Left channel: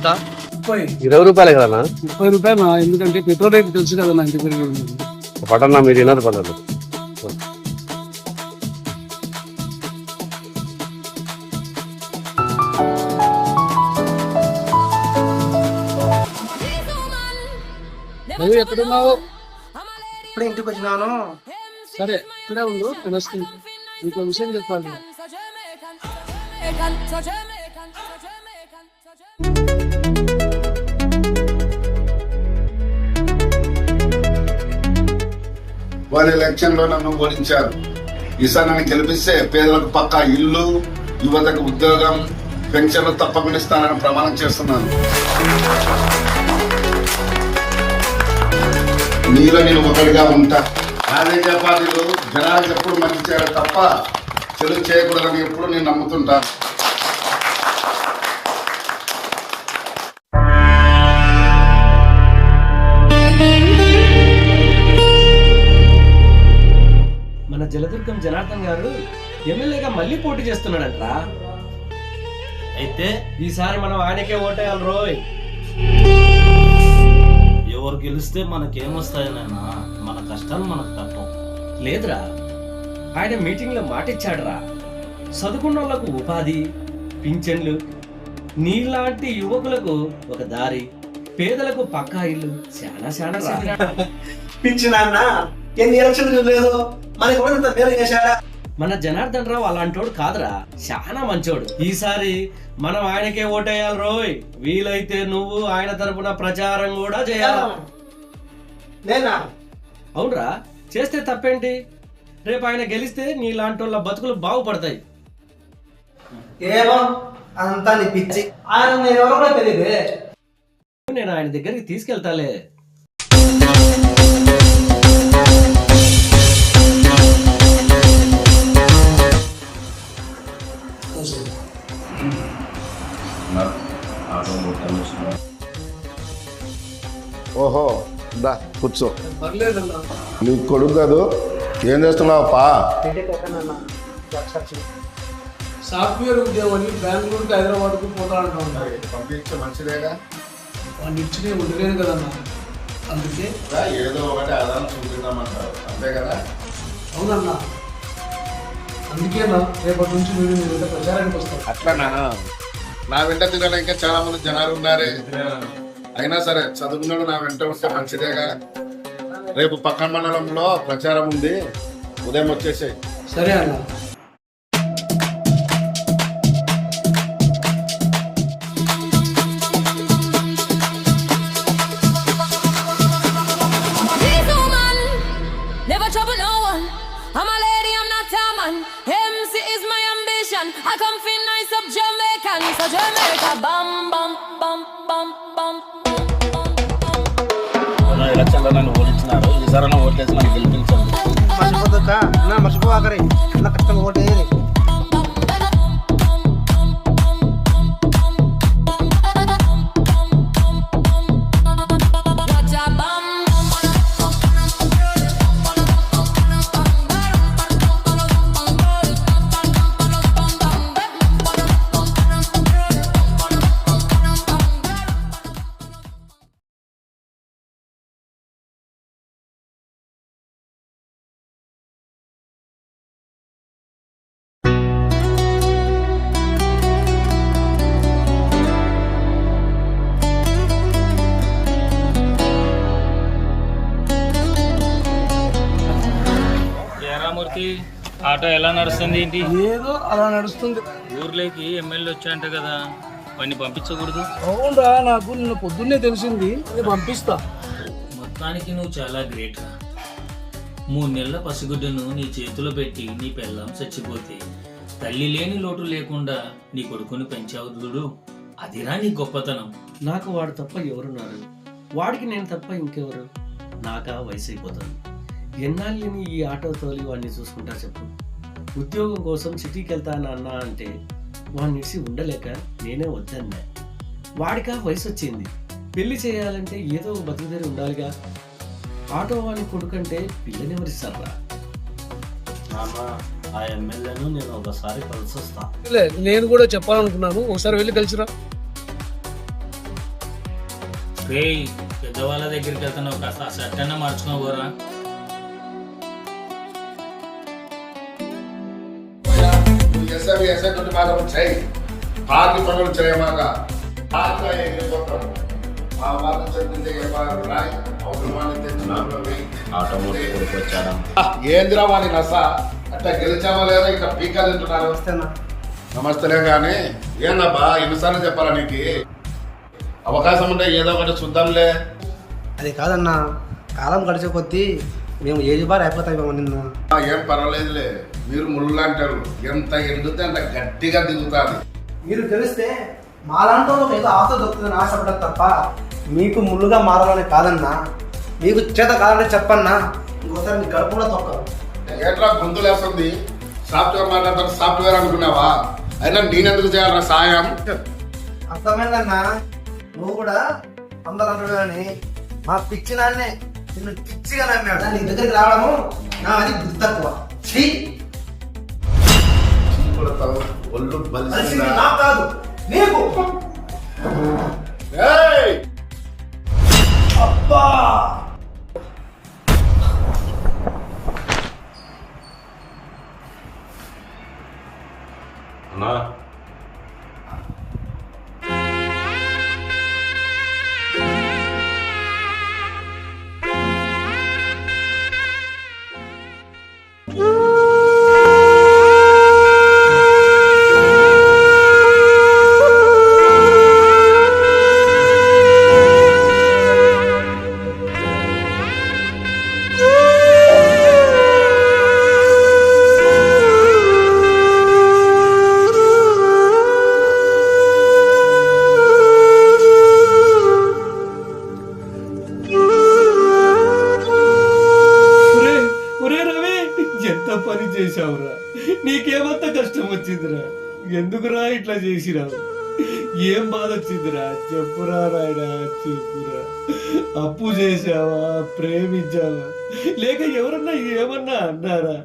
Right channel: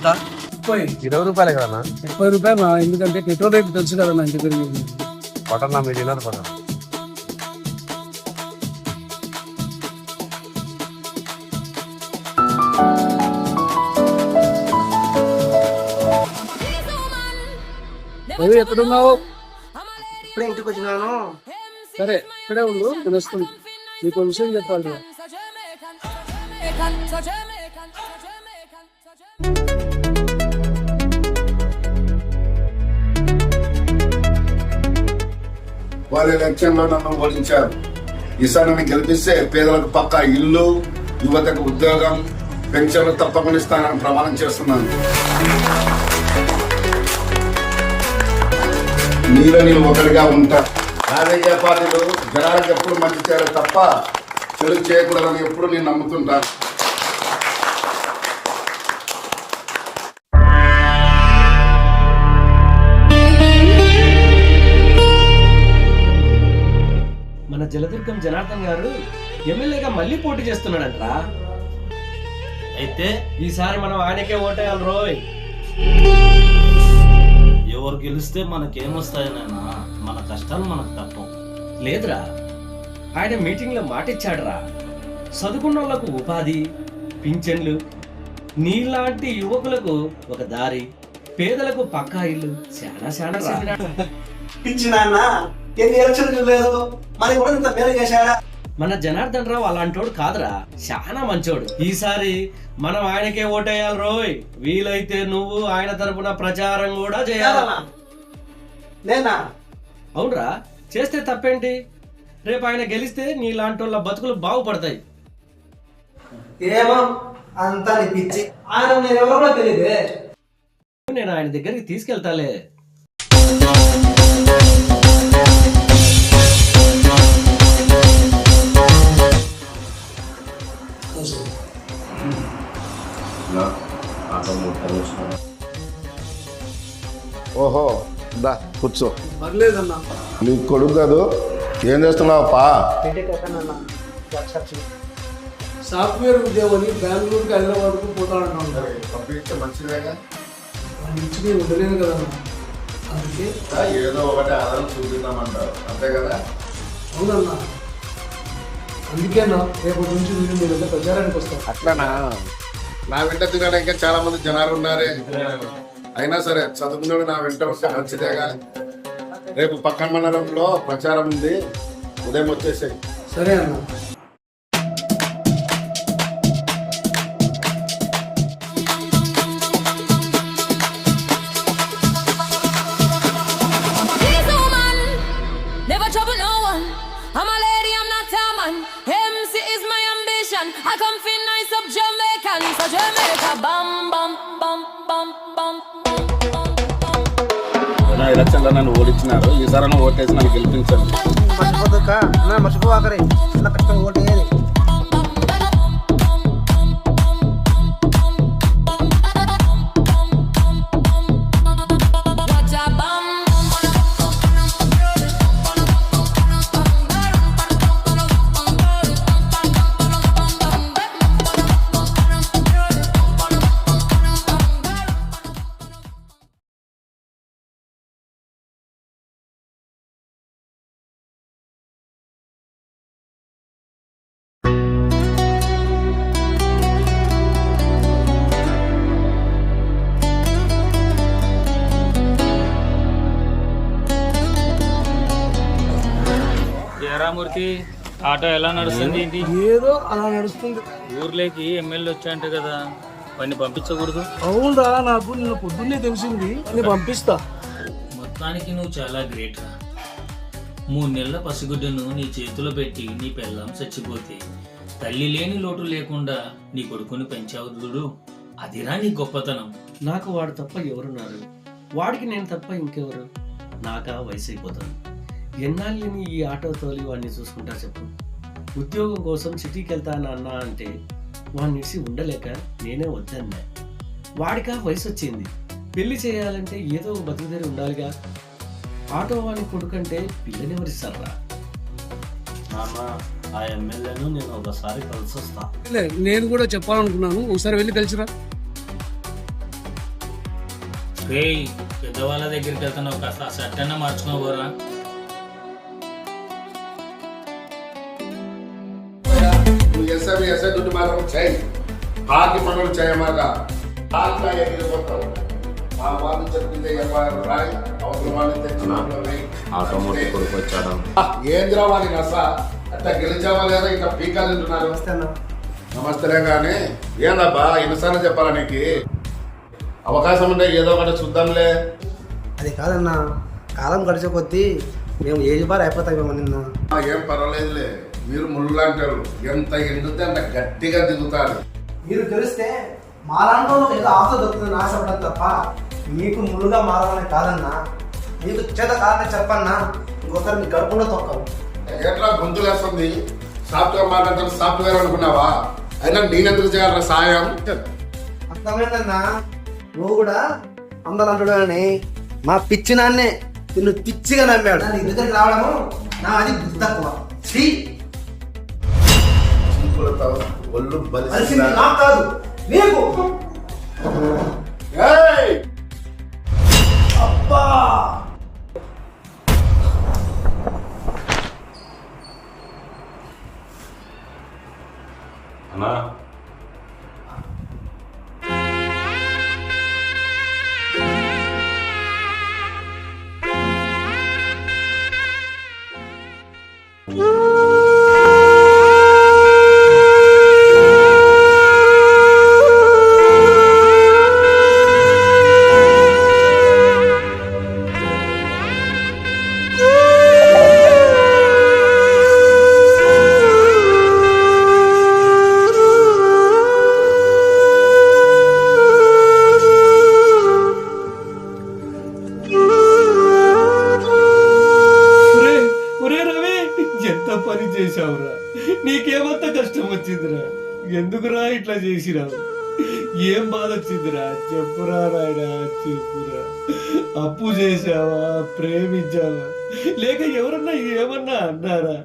ఎంత? 20 రూపాయలే కదా 30 రూపాయలు. ఎందుకంటే పెట్రోల్ రేట్ తెలుసు కదా నా ఇంటి పెరిగి. పడన్నా మీరు తినరు పడదు. రవి ఎక్కడున్నావు? ఇప్పుడే ఇంటికి వచ్చినాను. సరే ఇక్కడే ఉండు, నేను వస్తుంది. నీకు విషయం చెప్పాలి. వారి ఎలక్షన్ లో నన్ను ఓడించారు. ఈసారి నన్ను గెలిపిస్తే పేదలకు పక్కా ఇల్లు, యువతకు ఉద్యోగం, పెన్షన్లు తప్పకుండా ఇస్తానని ప్రమాణం చేస్తున్నాను. నీలో నేను ఒకటిగా ఉంటా. రాజకీయ పార్టీలు జనాలకు ఎప్పుడు మంచి చేయాలి తప్ప చెడు చేయకూడదని ఎప్పుడు నేను నమ్ముతుంటాను. మన జలదుర్గం జనార్దన్ గారు ఎమ్మెల్యేగా మళ్ళీ పోటీ చేస్తున్నాడంట్రా. అయితే ఈసారి మనం ఆయనకే ఓటేయాలి రోయ్. ఎవరు గెలిస్తే మనకేమొస్తాయనైనా మన కష్టాలు మనకు తప్పవు. లేదురా, ఆయన మీటింగ్ లో మాటిచ్చాడురా, చదువుకున్న వాళ్ళకు ఉపాధి, పింఛన్లు, నీలాంటి యువకులకు ఒక దారి, పేదలకు పక్కా ఇల్లు, చాలా పిచ్చినా ఎన్ని ఎలక్షన్లు లేదు, మనకి కూడా ఇంత పేరు చేశాడా? మన జనార్దన్ రావు అలాంటోడు కాదురా, చాలా మంచోడు. ఈసారి మనం ఆయనకే ఓటేయాలి రోయ్. వీలైతే నువ్వు ఆయన తరపున ప్రచారం కూడా చేయాలా? నేనా? అవునరా, చేస్తే తప్పేంటి? రేపు ఆయన గెలిస్తే నీలాంటి వాళ్ళ బతుకులు బాగుపడతాయి. ఏమో అంతా నీ పిచ్చి. ఆయన నేను ఎవరో కూడా తెలియదే. నేను ఆయన దగ్గరికి తీసుకెళ్తాలే. ఓహో దా కూర్చో. పర్లేదన్నా. నీ కొడుకు కాదు, ఏం చేస్తున్నావు పా? సాఫ్ట్వేర్ ఉద్యోగం అని బెంగళూరుకి హైదరాబాద్కు పోతానంటా. పంపించే మంచిదేగా. వాడిని ఇచ్చి నేను ఉండలేను కదన్నా, అందుకే ఏదో ఒకటి ఆధారం చూపిద్దామంటారు, అంతే కదా? అవునన్నా, అందుకేనా రేపటి నుంచి మీరు మీ వెంట ప్రచారానికి వస్తారు. అట్లానా? నా వెంట తినడానికి చాలా మంది జనాలు ఉన్నారే. అయినా సరే చదువుకున్నాడు నా వెంట ఉంటే మంచిదేగా. రేపు పక్కన మండలంలో ప్రచారం ఉంది, ఉదయం వచ్చేసాయి. సరే అన్న. I come feel nice up Jamaican, so Jamaica bam bam bam bam bam bam. Election లో నన్ను ఓడించినారు, ఈసారి ఓటేసి నన్ను గెలిపించండి. మర్చిపోదుకా అన్న, మర్చిపోవాకరే అన్న, ఖచ్చితంగా ఓటు వేయాలి. రామూర్తి, ఆటో ఎలా నడుస్తుంది ఏంటి? ఏదో అలా నడుస్తుంది. ఊర్లోకి ఎమ్మెల్యే వచ్చాయంట కదా, వాడిని పంపించకూడదు? అవునరా, నాకు నిన్న పొద్దున్నే తెలిసింది. నేను పంపిస్తా. మొత్తానికి నువ్వు చాలా గ్రేట్ రా. 3 నెలల పసిగుడ్డను నీ చేతిలో పెట్టి నీ పెళ్ళాం చచ్చిపోతే తల్లి లేని లోటు లేకుండా నీ కొడుకుని పెంచావు చూడు, అదిరా నీ గొప్పతనం. నాకు వాడు తప్ప ఎవరున్నారు? వాడికి నేను తప్ప ఇంకెవరు? నాకా వయసు అయిపోతుంది. ఎన్నాళ్ళని ఈ ఆటో తోలి వాడిని చూసుకుంటా చెప్పు. ఉద్యోగం కోసం సిటీకి వెళ్తాను అన్నా అంటే వాడిని ఇచ్చి ఉండలేక నేనే వద్దన్నా. వాడికా వయసు వచ్చింది, పెళ్లి చేయాలంటే ఏదో బతుకుదేరి ఉండాలిగా. ఆటో వాని కొడుకంటే పిల్లనెవరిస్తారా? నాన్న, ఆ ఎమ్మెల్యేను నేను ఒకసారి కలిసి వస్తా. నేను కూడా చెప్పాలనుకున్నాను, ఒకసారి వెళ్ళి కలిసిరా. రేయ్ పెద్దవాళ్ళ దగ్గరికి వెళ్తున్నావు, కాస్త ఆ షర్ట్ అన్నా మార్చుకోబోరా. ఎస్ఐ డ్యూటీ మాత్రం చేయి, పార్టీ పనులు చేయమాక పార్టీలో ఎగిరిపోతారు. మా వాళ్ళు చెప్పింది రాయి అవసరం వాళ్ళని తెచ్చి ఆటోమేటిక్ కొడుకు వచ్చాడు. ఏందిరా వాడి నస, అట్లా గెలిచామా లేదా ఇట్లా పీకా తింటున్నారు. వస్తేనా నమస్తేలే కానీ ఏందబ్బా ఎన్నిసార్లు చెప్పాలా నీకు? అవకాశం ఉంటే ఏదో ఒకటి చూద్దాంలే. అది కాదన్నా, కాలం గడిచే కొద్దీ మేము ఏజ్ బార్ అయిపోతాం నిన్న. ఏం పర్వాలేదులే, మీరు ముళ్ళు లాంటి వాళ్ళు, ఎంత ఎండితే అంత గట్టిగా దిగుతాది. మీరు తెలిస్తే మాలాంటి వాళ్ళకి ఏదో ఆశ దొరుకుతుందని ఆశపడదు తప్ప మీకు ముళ్ళుగా మారాలని కాదన్నా. మీకు చేత కావాలంటే చెప్పన్నా, ఇంకోసారి మీ గడుపులో తొక్కవు. ఎట్లా గొంతులేస్తుంది, సాఫ్ట్వేర్ మాట్లాడుతుంటే సాఫ్ట్వేర్ అనుకున్నావా? అయినా నేనెందుకు చేయాలరా సాయం? అర్థమైందన్నా, నువ్వు కూడా అందరూ చూడాలని మా పిచ్చి నాన్నే నిన్ను పిచ్చిగా నమ్మాడు. నీ దగ్గరికి రావడము నా అది బుద్ధి తక్కువ. ఛీ! చీపులతో ఒళ్ళు అది బలిసిందా? నాకు కాదు నీకు. ఏయ్! అబ్బా! అన్నా ఎంత పని చేశావురా, నీకేమంత కష్టం వచ్చిందిరా, ఎందుకురా ఇట్లా చేసిరావు, ఏం బాధ వచ్చిందిరా చెప్పురా నాయనా చెప్పురా. అప్పు చేశావా, ప్రేమించావా, లేక ఎవరన్నా ఏమన్నా అన్నారా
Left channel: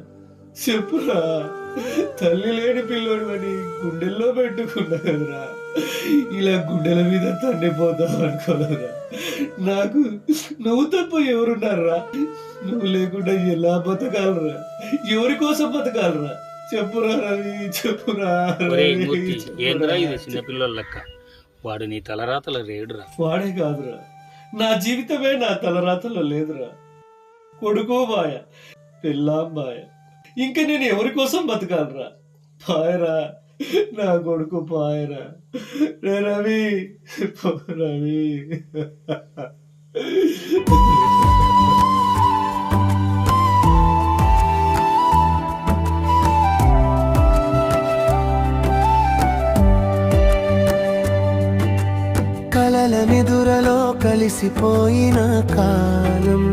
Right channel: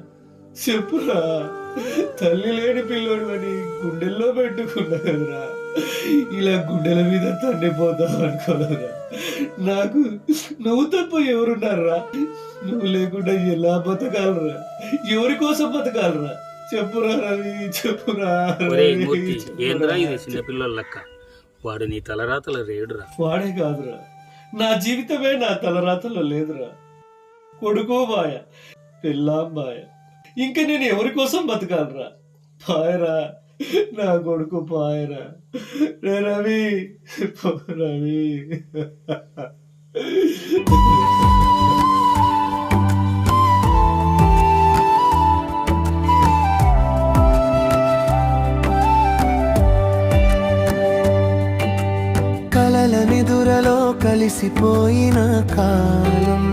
చెప్పురా. తల్లి లేని పిల్లోడు అని గుండెల్లో పెట్టుకున్నా కదరా, ఇలా గుండెల మీద తండిపోతావు అనుకోలేదురా. నాకు నువ్వు తప్ప ఎవరున్నారా? నువ్వు లేకుండా ఎలా బతకాలరా, ఎవరి కోసం బతకాలరా చెప్పురా రవి, చెప్పురా. ఏంద్రా ఇది చిన్నపిల్లల లెక్క, వాడు నీ తలరాతల రేడురా. వాడే కాదురా, నా జీవితమే నా తలరాతలో లేదురా. కొడుకు బాయ, పిల్లాం బాయ, ఇంకా నేను ఎవరి కోసం బతకాలరా? పాయరా నా కొడుకు పాయరా. రే రవి, రవి. కలల నిదురలో కలిసిపోయిన కాలం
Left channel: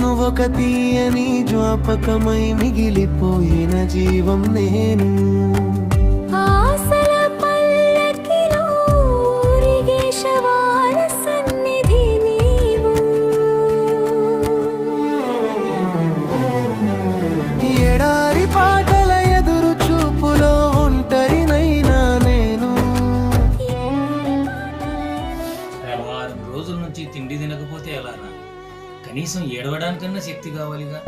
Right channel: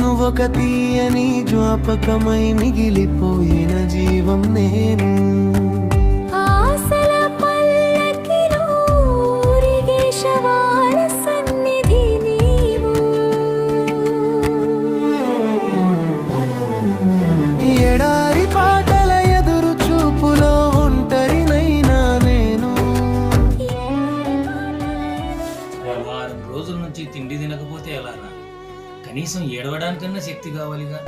నువ్వొక తీయని జ్ఞాపకమై మిగిలిపోయిన జీవం నేను. ఆశల పల్లకిలో ఊరిగే శవాల సన్నిధి నీవు. ఎడారి పాటల ఎదురు చూపులో ఒంటరినైనా నేను. వారం రోజుల నుంచి తిండి తినకపోతే ఎలారా? కనీసం ఏడవడానికన్నా శక్తి కావాలిగా.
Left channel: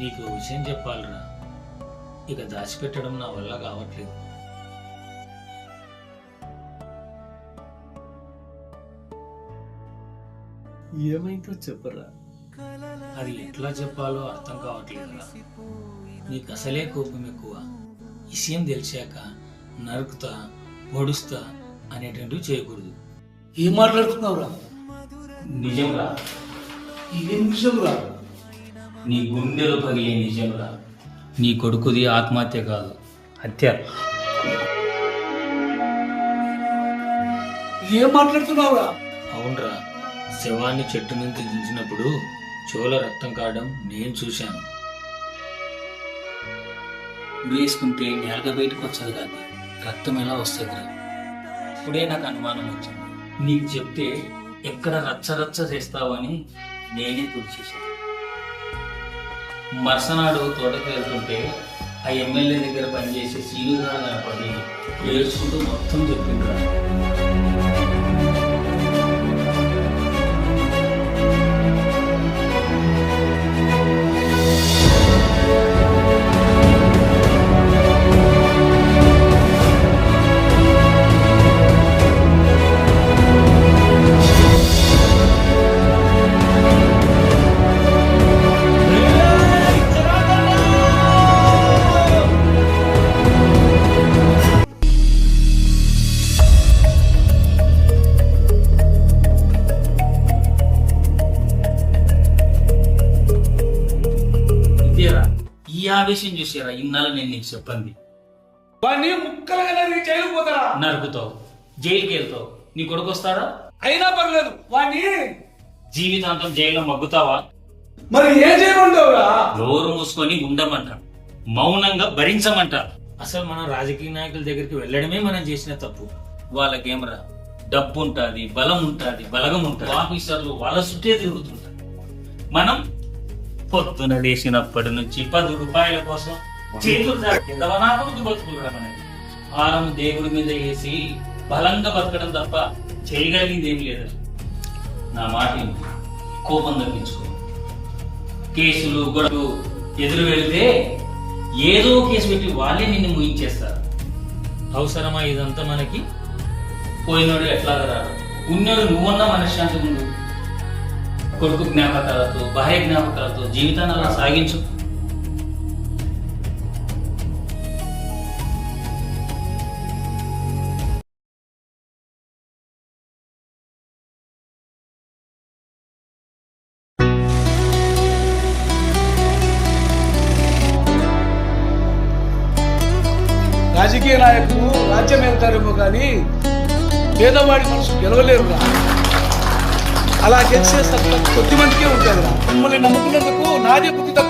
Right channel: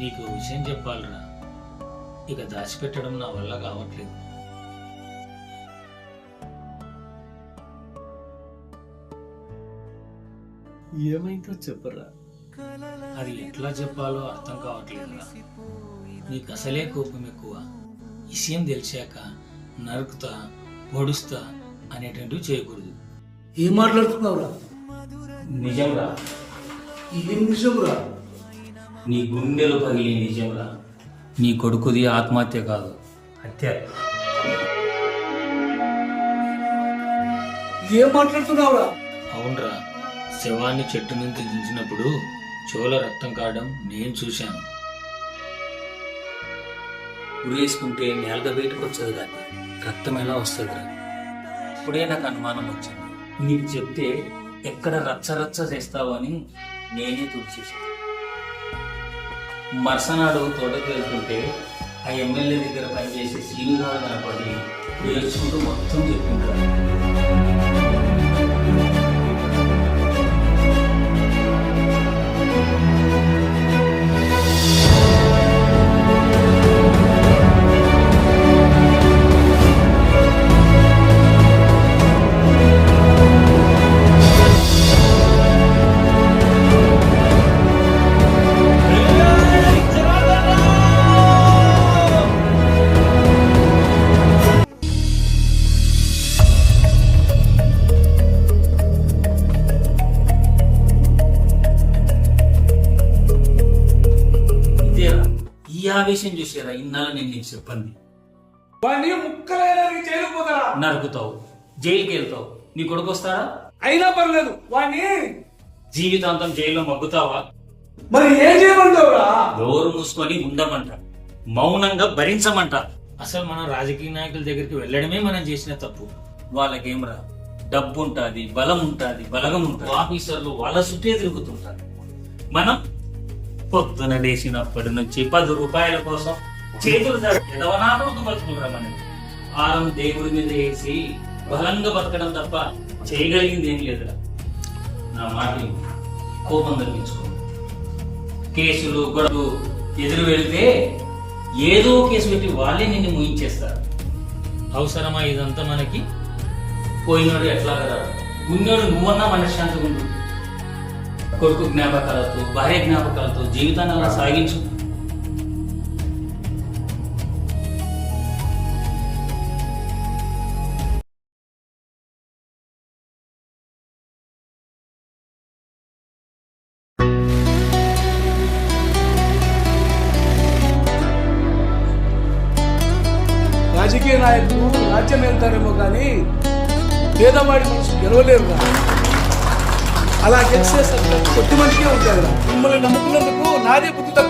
నీకు విషయం చెప్పాలరా, ఇక దాచిపెట్టడం నా వల్ల కావట్లేదు. ఏమైందో చెప్పరా. అది ఎట్లా చెప్పాలో అర్థం కావట్లేదురా. నీకు అసలే కోపం ఎక్కువ. విషయం తెలిసాక నరుకుతా, పొడుస్తా అనేటువంటివి చేయకూడదు. ఏం మాట్లాడుతున్నావురా? నిజంరా, ఏం నిజంరా? నీ గుండెలు పగిలే నిజంరా. నీ కొడుకుది ఆత్మహత్య కాదు, హత్య. ఏం మాట్లాడుతున్నావురా? అవునరా, శవాన్ని చెట్టు నుంచి దించినప్పుడు చెవుల రక్తం కావడం నేను చూశాను. ఉరేసుకుంటే నేలగా బయటకు వచ్చేది కాదు, రక్తం ఎలా వస్తుంది? ఇప్పుడే నాకు అనుమానం వచ్చింది. నీకు చెప్తే ఎక్కడ రచ్చరచ్చ చేస్తావని నేనే తుడిచేశాను. మరుసనాడు తోటకు వెళ్తుంటే ఆ ఎమ్మెల్యే దగ్గర పనిచేసే సీనుగాడు కనపడి ఏడ్చుకుంటూ మొత్తం చెప్పింటారు. ఇదేరా ఈ ఆవేశం చూసారా ఇన్నాళ్ళు నేను నీకు చెప్పింది. వాడిని ముక్కలుగా నరికి జైలుకు పోతారా? నరుకుతావు, జైలుకి వెళ్తావు, నీ కొడుకు వస్తాడా? అయినా పర్లేదు వాడిని జీవితాంతం జైల్లో మగ్గుతావా? మరి ఏం చేయమంటావురా? నోరు మూసుకొని ఉండమంట, మౌనంగా భరించమంట. అసలు మనం రాజకీయ నాయకుల దగ్గరికి వెళ్ళడమే మనం చేసిన తప్పు. వాళ్ళకేమరా డబ్బు ఉంటుంది, బలం ఉంటుంది, బలగం ఉంటుంది, ఆఫీసర్లు వాళ్ళ చుట్టే తిరుగుతుంటారు. మనం పొద్దున లేచినప్పటి నుంచి 10 రూపాయల కోసం చేతులు ఎదవనాపకు బతుకులరా మనకి. ఆరం దేవుడి మీద వేసి బలంగా బతకడం తప్ప చేయగలిగింది ఏం లేదురా. నా మాట కోపం తగ్గించుకో. కేసులు గొడవ ఎదురు వెళితే ఏదో కేసు పెట్టి వాళ్ళే నిన్ను ముయించేస్తారు. అవసరమా ఇదంతా మనకి? పోయినోడు ఎట్లాగా రాడు, ఉన్నోడు నువ్వన్నా మనశ్శాంతిగా ఉండు. కొడుకు జ్ఞాపకాలతో, భార్య జ్ఞాపకాలతో జీవితాన్ని అలా సాగించు. రాజకీయ నాయకులు రాజ్యం వెళ్తారేమో కానీ పేదవాడి మనసు గెలవలేరురా. అలా గెలిచే సత్తా కొద్ది మందికే ఉంటుందిరా. మిమ్మల్ని నమ్ముకున్నందుకు నాదే బుద్ధి తక్కువ.